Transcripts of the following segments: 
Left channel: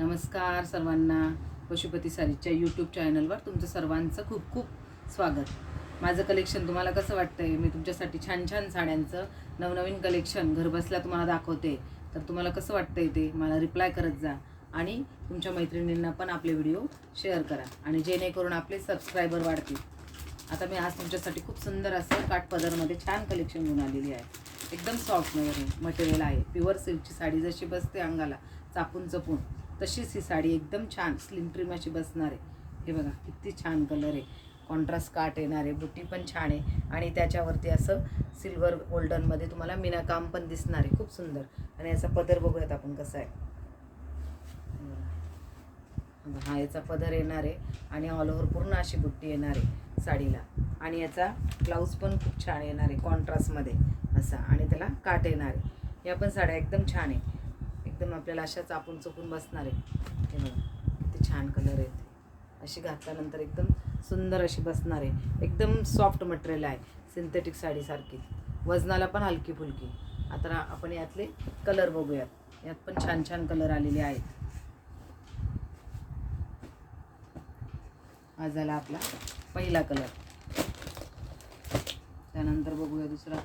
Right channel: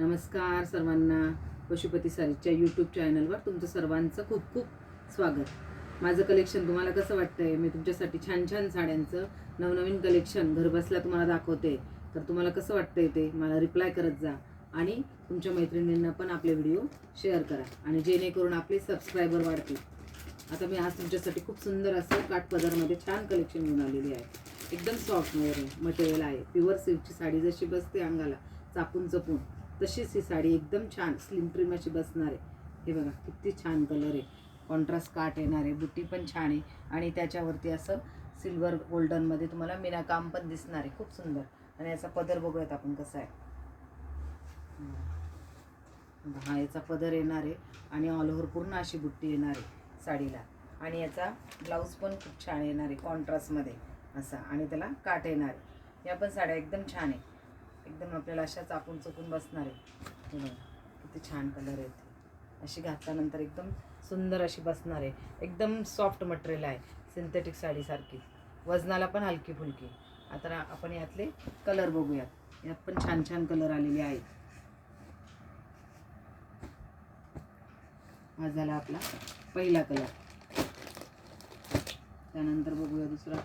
नमस्कार सर्वांना. पशुपती सारीच्या यूट्यूब चॅनलवर तुमचं सर्वांचं खूप खूप स्वागत. माझं कलेक्शन तुम्हाला कसं वाटतं आहे मी तुमच्यासाठी छान छान साड्यांचं नवनवीन कलेक्शन घरबसल्या तुम्हाला दाखवते. तर तुम्हाला कसं वाटतंय ते? मला रिप्लाय करत जा आणि तुमच्या मैत्रिणींना पण आपले व्हिडिओ शेअर करा आणि जेणेकरून आपले सबस्क्रायबर वाढतील. आता मी आज तुमच्यासाठी खूप सुंदर असं काठपदरमध्ये छान कलेक्शन घेऊन आलेली आहे. एकदम सॉफ्टमध्ये मटेरियल आहे. प्युअर सिल्कची साडी जशी बसते अंगाला चापून चपून. तशीच ही साडी एकदम छान स्लिम ट्रिम अशी बसणार आहे. हे बघा किती छान कलर आहे. कॉन्ट्रास्ट काट येणार आहे बुट्टी पण छान आहे. आणि त्याच्यावरती असं सिल्वर गोल्डनमध्ये तुम्हाला मिनाकाम पण दिसणार आहे. खूप सुंदर. आणि याचा पदर बघूयात आपण कसा आहे. हा याचा पदर येणार आहे. आणि ऑल ओव्हर पूर्ण अशी बुट्टी येणार आहे साडीला. आणि याचा ब्लाऊज पण खूप छान येणार आहे कॉन्ट्रास्टमध्ये असा. आणि त्याला काट येणार आहे. या पण साड्या एकदम छान आहे. एकदम आपल्याला अशा चापून चुकून बसणार आहे. हे किती छान कलर आहेत. अशी घातल्यानंतर एकदम सुंदर अशी बसणार आहे. एकदम सॉफ्ट मटेरियल आहे. सिंथेटिक साडीसारखी वजनाला पण हलकी फुलकी. आता आपण यातले कलर बघूयात. यात पण छान छान कलर आलेले आहेत. हा झाला आपला पहिला कलर त्यानंतर बघूया दुसरा.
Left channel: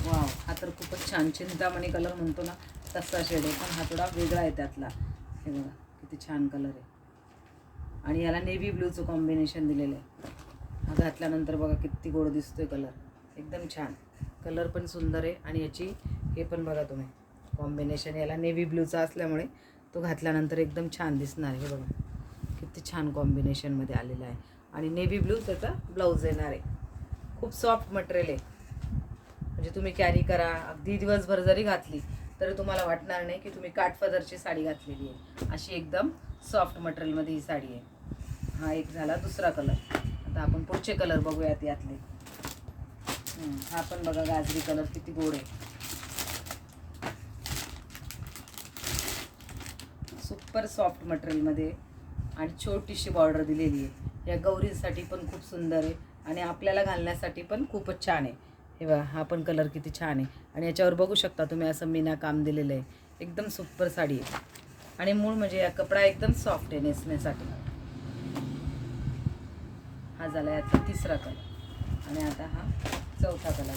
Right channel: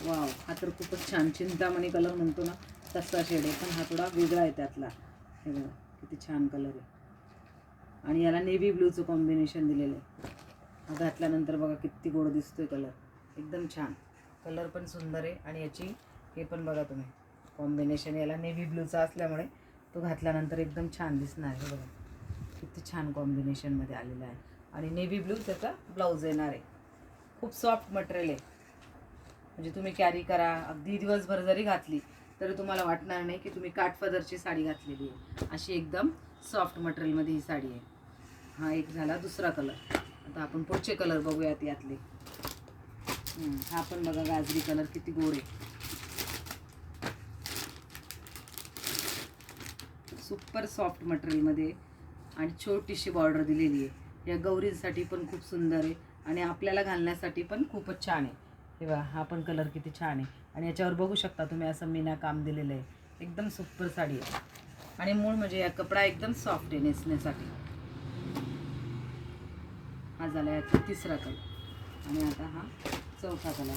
वाव हा तर खूपच छान चिंतामणी कलर म्हणतो ना. तसा शेड आहे पण हा थोडा वेगळा आहे त्यातला. हे बघा किती छान कलर आहे. आणि याला नेव्ही ब्लूचं कॉम्बिनेशन दिलेलं आहे. हा घातल्यानंतर बघा किती गोड दिसतोय कलर एकदम छान. कलर पण सुंदर आहे. आणि याची हे पण बघा तुम्ही. कॉम्बिनेशन याला नेव्ही ब्लूचा असल्यामुळे तो घातल्यानंतर एकदम छान दिसणार हे बघा. किती छान कॉम्बिनेशनमध्ये आलेला आहे. आणि नेव्ही ब्लू त्याचा ब्लाऊज येणार आहे. खूप सॉफ्ट मटेरियल आहे. म्हणजे तुम्ही कॅरी करा. अगदी दिवसभर जरी घातली तर तुम्हाला वाटणार नाही की तुम्ही काठपदरची साडी घातलेली आहे. अशी एकदम सॉफ्ट मटेरियलमध्ये ही साडी आहे. हा एक झाला दुसरा कलर आता आपण पुढचे कलर बघूयात यातले. हा पण बघा गाजरी कलर किती गोड आहे. सुपर सॉफ्ट मटेरियलमध्ये आणि छोटीशी बॉर्डर दिलेली आहे. या गौरींसाठी पण खूप सुंदर आहे आणि आपल्याला घालण्यासाठी पण खूपच छान आहे. हे बघा हा पण कलर किती छान आहे. आणि याच्यावर बघू शकता तुम्ही असं मीना काम दिलेलं आहे. एकदम सुपर साडी आहे. आणि मूळ म्हणजे या कपडा एकदम सॉफ्ट आहे नेसण्यासाठी. हा झाला याचा तिसरा कलर. आणि आता हा चौथा कलर.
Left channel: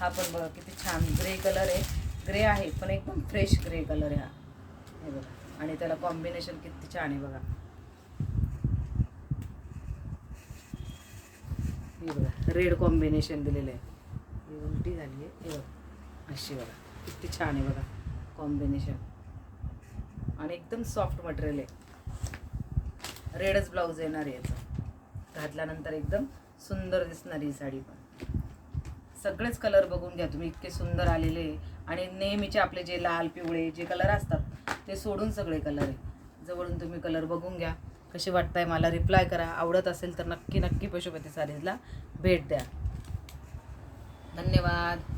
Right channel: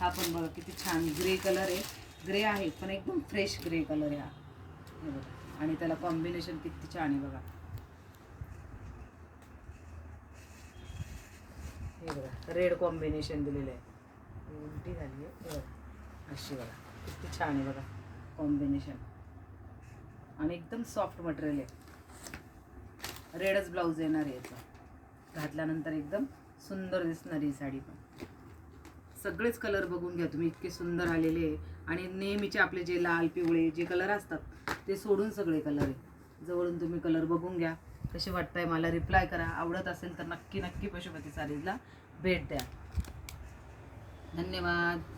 हा पण बघा किती छान ग्रे कलर आहे. ग्रे आहे पण एकदम फ्रेश ग्रे कलर आहे हा. हे बघा. आणि त्याला कॉम्बिनेशन किती छान आहे बघा. हे बघा रेड कॉम्बिनेशन दिलेलं आहे. उलटी झाली आहे. हे बघा. अशी बघा. किती छान आहे बघा. कॉम्बिनेशन आणि एकदम सॉफ्ट मटेरियल आहे. रेडच ब्लाऊज येणार आहे याचा. घातल्यानंतर एकदम सुंदर दिसणार ही साडी पण. सगळेच कलर बघून घ्या तुम्ही. इतके सुंदर आलेले आणि नेहमीचे आपले जे लाल पिवळे जे कलर असतात ते सोडून सगळे कलर आहे. जवळून तुम्ही कलर बघून घ्या. कसे वाटताय मला रिप्लाय करा. आवडत असेल तर नक्की नक्की पशुपती सारीजला भेट द्या. धन्यवाद.